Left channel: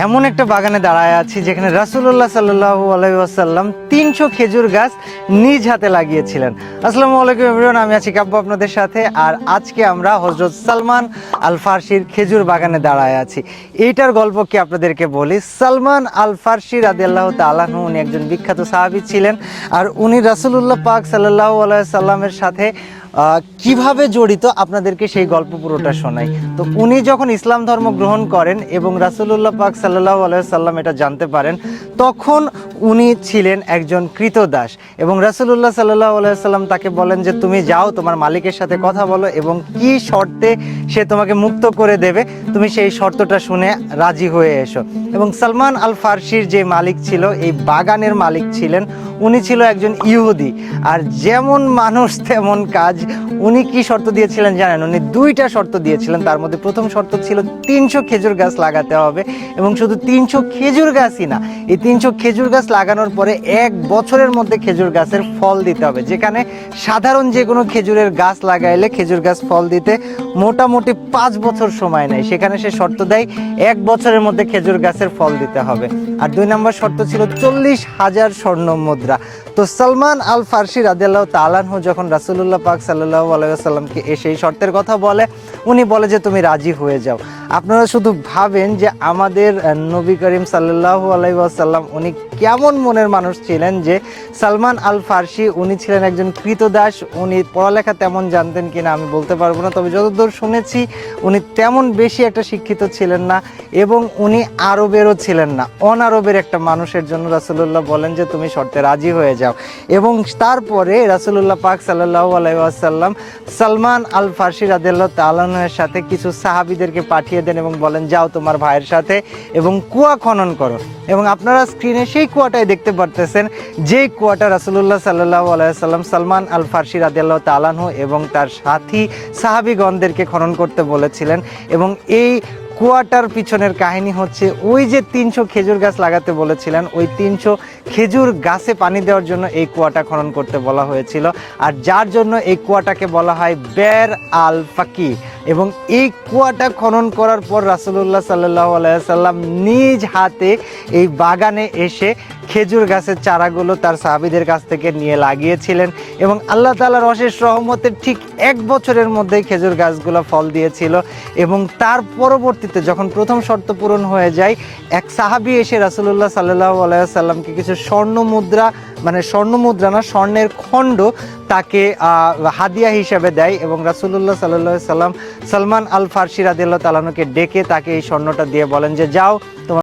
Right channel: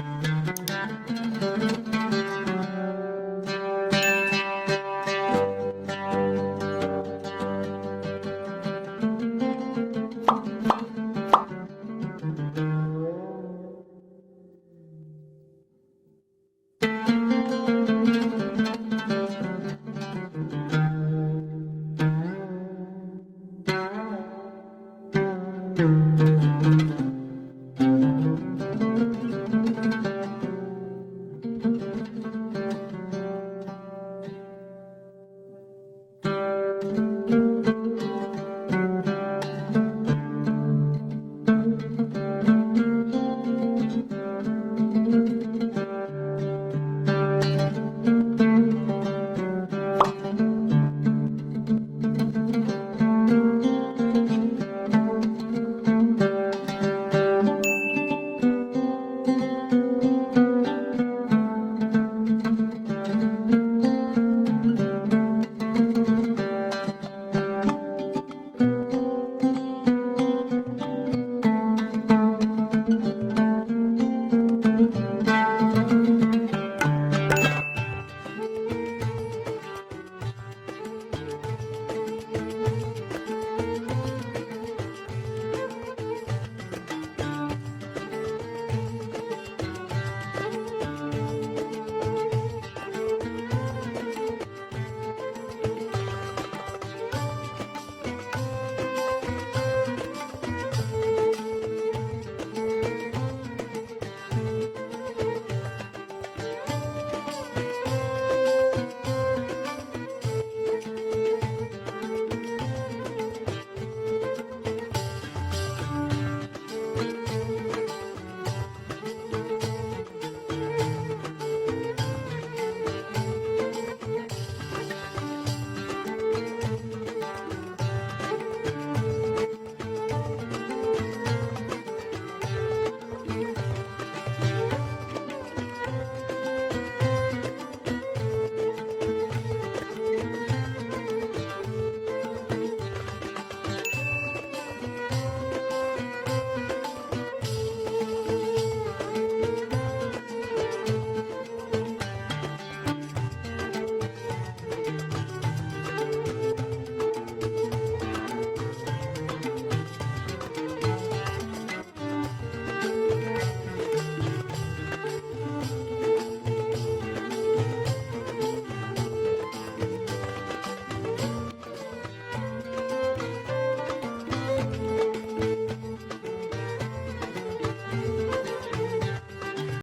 এমন একটা বাগানে দাঁড়ায় আছি যেখানে রাসুল্লাহ সাল্লাম তিনশো খেজুর গাছ নিজ হাতে লাগিয়েছিলেন। আসসালামু আলাইকুম আমি আছি কাব্য আপনাদের সাথে। আর আজকে আমরা হজরত সালমান আল ফার্সির খেজুর বাগানে দাঁড়ায় আছি। এইটার গল্প কি আপনাদেরকে বলি? সালমান আল ফার্সি রাদিয়াল্লাহ তালাহু উনি একজন বিখ্যাত সাহাবী ছিলেন। আর উনি রাসুলুল্লাহ পাক সাল্লাহ সাল্লামের সাথে কীভাবে জড়িত? আপনাদেরকে সেই গল্প পুরোটা শোনাই। তো উনি যখন ইসলাম ধর্ম গ্রহণ করেন এবং রাসুলুল্লাহ পাক সাল্লাহ সাল্লাম এটা জানতে পারেন, তখন উনি ছিলেন একজন কৃতদাস এবং রাসুলুল্লাহ সাল্লাহ সাল্লাম তাকে বলেন যে, তুমি যাও, তোমার মালিকের সাথে কথা বলো এবং কি শর্তে সে তোমাকে মুক্ত করে দেবে, তুমি সেই শর্তটা শুনে রাজি হয়ে এসো। এবং সালমান আল ফার্সির যে মালিক ছিল, এই বাগানের মালিক ছিলেন উনি ছিল একজন ইহুদি। আর যেমন মানুষ, তেমন কাজ। উনি কি শর্ত দিয়েছিলেন জানেন? উনি দুইটা শর্ত দিয়েছিলেন। তার মধ্যে প্রথম শর্ত ছিল তিনশো খেজুর গাছ লাগাতে হবে এবং শুধু তিনশো খেজুর গাছই না, এই তিনশো খেজুর গাছ লাগানোর পরে এক বছরের মধ্যে খেজুর গাছের ফল দিতে হবে। যেখানে সাধারণ যে কোনো খেজুরের গাছ লাগাইলে খেজুর গাছ ফল দিতে মোটামুটি পাঁচ বছর সময় নেয়। সেখানে সে শর্ত দেয়, এক বছরের মধ্যে খেজুর গাছের ফল দিতে হবে। আর দুই নম্বর শর্ত ছিল চল্লিশ হাজার স্বর্ণ মুদ্রা। তো সালমান আল ফার্সি রাদিয়াল্লাহ তালানহু যখন রাসুল্লাহ পাক সাল্লাহ আলাইসাল্লামকে এসে এই শর্তের কথা বলে, উনি বলে যে, তুমি রাজি হয়ে যাও। আপনারা শুধু ভাবেন যে আমাদের নবী করিম সাল্লাহ আলাইসাল্লাম উনি কেমন মনের মানুষ ছিলেন যে সালমান আল ফার্সি উনি ছিলেন একজন কৃতদাস, উনি পড়ালেখা তেমন জানতেন কিনা আমি বলতে পারব না, তবে যতদূর শুনেছি উনি তেমন বেশি একটা শিক্ষিত ছিলেন না এবং উনি আরবেরও ছিলেন না। অনারবের একটা মানুষের জন্য রাসুলুল্লাহ বলেন যে তুমি শর্তে রাজি হয়ে যাও। এবং তারপরে রাসুলুল্লাহ পাক সাল্লাহ আলাইসাল্লাম সালমান আল ফার্সি রাদিল্লাহ তালানের সাথে কিছু সাহাবিদেরকে পাঠিয়ে দেন এবং বলেন, যাও তোমার ভাইয়ের সাথে এবং কুয়া খনন করো। এবং আপনারা স্ক্রিনে সেই কুয়াটাই দেখতে পারতেছেন যে কুয়াটা রাসুলুল্লাহ সাল্লাহ আলাইসাল্লাম সালমান আল ফার্সি রাদিয়াল্লাহ তালানহ এবং তার সাথী সাহাবিগণদেরকে খনন করতে বলেছিলেন এবং এই কুয়াটার পিছনের কাহিনী হচ্ছে ওই যে তিনশো খেজুর গাছ লাগাতে বলেছিলেন, ওই তিনশো খেজুর গাছে পানি দেওয়ার জন্য এই কুয়াটা খনন করতে বলা হয়েছিল। আর যার জন্য এই কুয়াটাকে বলা হয় বের আল ফাকি। এবং এই কুয়াটা খনন করার পর রাসুলুল্লাহ সাল্লাহ আলাইসাল্লাম নিজ হাতে এই বাগানে এসে খেজুর গাছের চারাগুলো তার সাহাবিদের কাছ থেকে নিয়ে লাগিয়েছিলেন এবং আল্লাহ তালার অশেষ রহমতের ঠিক এক বছরের মধ্যেই খেজুর গাছগুলো ফল দিয়েছিল এবং তার পরবর্তীতে যখন প্রথম শর্ত পূরণ হয়ে যায়, এক সাহাবি এসে রাসুলুল্লাহ সাল্লাহ আলাইসাল্লামকে কিছু স্বর্ণ মুদ্রা মানে স্বর্ণ মুদ্রা না, স্বর্ণের খণ্ড তাকে হাদিয়া হিসাবে দেয় এবং রাসুলুল্লাহ সাল্লাহ সাল্লাম সালমান আল ফার্সি রাদিল্লাহ তালানুকে ডেকে তাকে এই স্বর্ণটা দিয়ে বলেন যে, যাও তোমার